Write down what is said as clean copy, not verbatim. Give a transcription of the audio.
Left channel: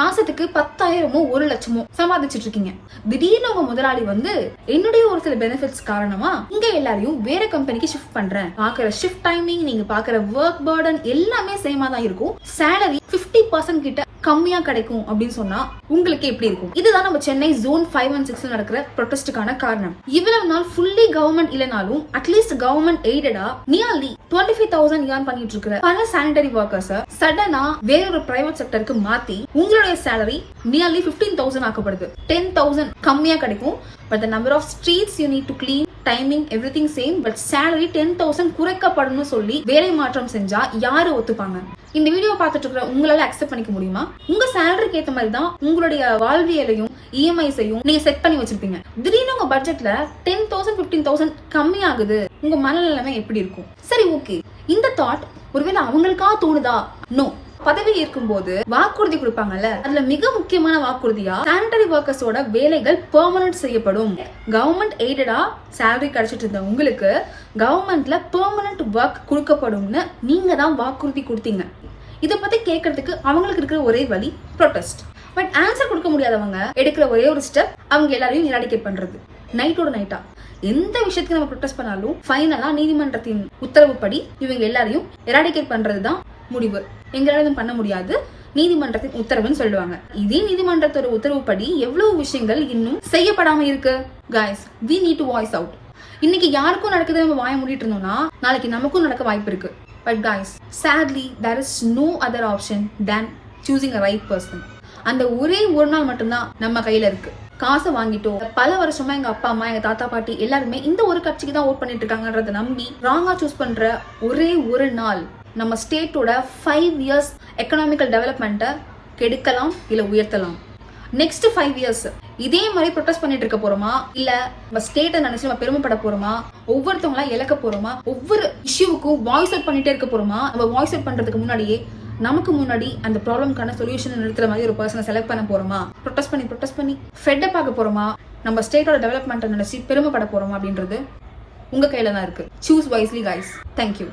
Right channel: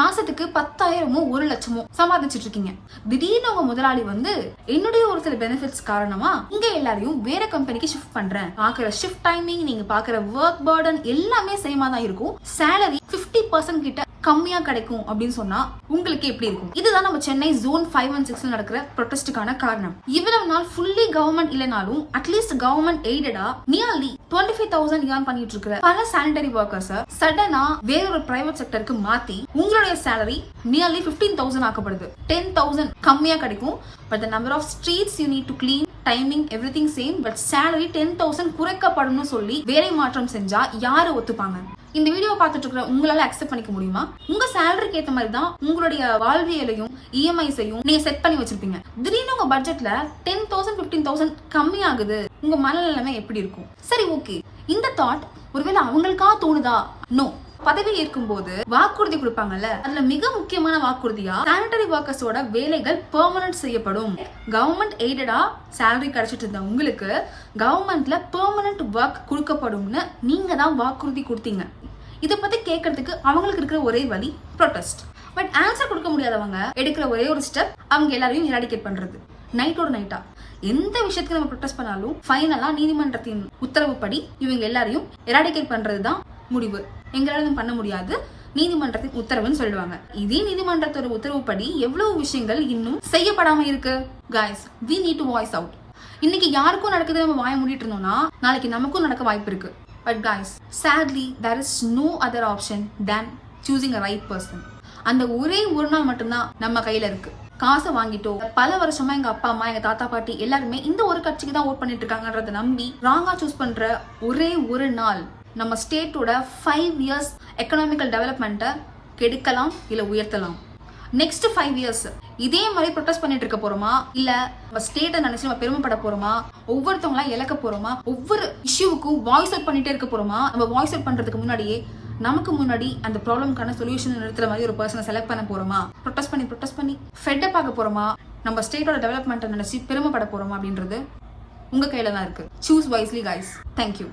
மாசத்துக்கு 10,000மோ 1,00,000மோ சம்பாதிச்சிட்டு இருக்கீங்க. திடீர்னு உங்க முதலாளி வந்து என்னுடைய ஒரு சில பெனிஃபிட்ஸ் காரணமா இங்க எல்லாரையும் வேற கம்பெனிக்கு ஷிஃப்ட் பண்றேன். பாக்குற ஷிஃப்ட் டைமிங், நீங்க பாக்குற ஒர்க் பர்டன் எல்லாமே சேமா தான் இருக்கும். சேலரி 50% கிட்ட கம்மியா கிடைக்கும் அப்படின்னு சொன்னா உங்களுக்கு எப்படி இருக்கும்? இதுதான் நம்ம சென்னை ஜோன் 5 and 6 நடக்கிற ப்ரொடெஸ்டுக்கான காரணம். இவ்வளவு நாள் ஃபுல்லி கவர்மெண்ட் இல்லனாலும் அட்லீஸ்ட் கவர்மெண்ட் எய்டடா நியர்லி 25,000 ஏர்ன் பண்ணிட்டு இருக்கிற பல சானிட்டரி ஒர்க்கர்ஸ் சடனா வேற ஒரு பிரைவேட் செக்டருக்கு மாத்தி உங்களுடைய சேலரி நியர்லி 15,000 ஆக்கப்படுது. 10,000 கம்மியா கிடைக்கும். But the number of streets you need to clean, timing everything same, but salary 10,000 குறைக்கப்படும் சொல்லி வேலை மாற்றம் செஞ்சா யாரு ஒத்துப்பாங்க? இந்த வீடியோ பார்த்துட்டு இருக்கிற உங்களால அக்செப்ட் பண்ணிக்க முடியுமா? உங்க சேலரிக்கு ஏத்த மாதிரி தான் உங்களுடைய வாழ்வியலையும் இஎம்ஐஸையும் நீங்க செட் பண்ணி வச்சிருப்பீங்க. திடீர்னு உங்க பட்ஜெட்ல 10,000 15,000 கம்மி ஆகுது. உங்க மனநிலைமை எப்படி இருக்கும்? சரி, ஓகே, இந்த தாட் ஒருவேளை அவங்களுக்கா தோணுதா? நோ. பதவி ஏற்கும் போது வாக்குறுதி கொடுப்பாங்கல்ல, அதுல மிக முக்கியமான வாக்குறுதியா சானிட்டரி ஒர்க்கர்ஸோட வேலைகள் பெர்மனன்ட் செய்யப்படும். கவர்மெண்ட் எய்டடா சேலரி கிடைச்சிட்டு இருந்த உங்களுக்கு கவர்மெண்ட்ல பெர்மனன்ட் ஒர்க் கொடுக்கப்படும்னு நீங்க தான் வாக்குறுதி கொடுத்தீங்க. இத பத்தி கேட்கறதுக்கு அவங்களுக்கு இருக்கிற ஒரே வழி ப்ரொடெஸ்ட். பட் ஆன்சர் கொடுக்க முடியாதவங்க எடுக்கிற ஒரே ஒரு ஸ்டெப் அவங்க எல்லாரையும் எராடிகேட் பண்றது. நைட்டோட நைட்டா எந்த விஷயத்துக்கு நம்ம ப்ரொடெஸ்ட் பண்ணாலும் ஃபைனலா நீதிமன்றத்தின் உத்தரவுப்படி இவங்க எல்லாரையும் எராடிகேட் பண்றதுதான் முடிவு. எங்களாலும் பண்ண முடியாது, நீதிமன்றத்தின் உத்தரவுன்னு சொல்லுவாங்க. இதே நீதிமன்றத்தோட உத்தரவுப்படி எவ்வளவு விஷயங்கள் இன்னும் செய்யப்படாம இருக்கு. Guys, we need to voice out. இன்னைக்கு யாருக்கும் நடக்குது நம்ம வாய மூடிட்டு இருந்தோம்னா நாளைக்கு நமக்கும் நடக்க வாய்ப்பு இருக்கு. But guys, sadly there is no other option than choosing a right person. அந்த ஒரே ஒரு நாள் மட்டும்தான் நம்ம கையில இருக்கு. காசை வாங்கிட்டோம். பல வருஷமா எங்க அப்பா அம்மா, எங்க தாத்தா பாட்டி எல்லாருமே இந்த ஒரு கட்சிக்கு தான் ஓட் பண்ணிட்டு இருக்காங்கன்றத நம்பி ராங்கா சூஸ் பண்ற ஒரே ஒரு நாள் நம்ம ஸ்டேட்டோட 5 years எக்கனாமிக்கல் டெவலப்மெண்ட்டை கெடுக்கலாம் இல்ல உயர்த்தலாம். நெக்ஸ்ட் 5 years இதே மாதிரி ப்ரொடெஸ்ட் பண்ணிட்டு இருக்க போறோமா, இல்ல நம்ம ஸ்டேட்டை நினைச்சு நம்ம பெருமைப்பட போறோமா, ஒவ்வொருத்தவங்களா இழக்க போறோமா, ஒவ்வொரு இஷ்யூவுக்கும் வாய்ஸ் அவுட் பண்ணிட்டே இருக்க போறோமா? நம்ம வாய்ஸ் அவுட் பண்றதுக்கு முன்னாடியே நமக்கு முன்னாடி அந்த ப்ராப்ளம்கான சொல்யூஷன் நிறுத்துற மாதிரி ஒரு பர்சனை செலக்ட் பண்ண போறோமா? ப்ரொடெஸ்ட் பண்ணி ஃபெட் அப் ஆக போறோமா? நம்ம ஸ்டேட்டோட டெவலப்மெண்ட்டை நினைச்சு பெருமைப்பட போறோமா? அப்படின்றது உங்க கையில தான் இருக்கு. Choose wisely guys. தேங்க்யூ.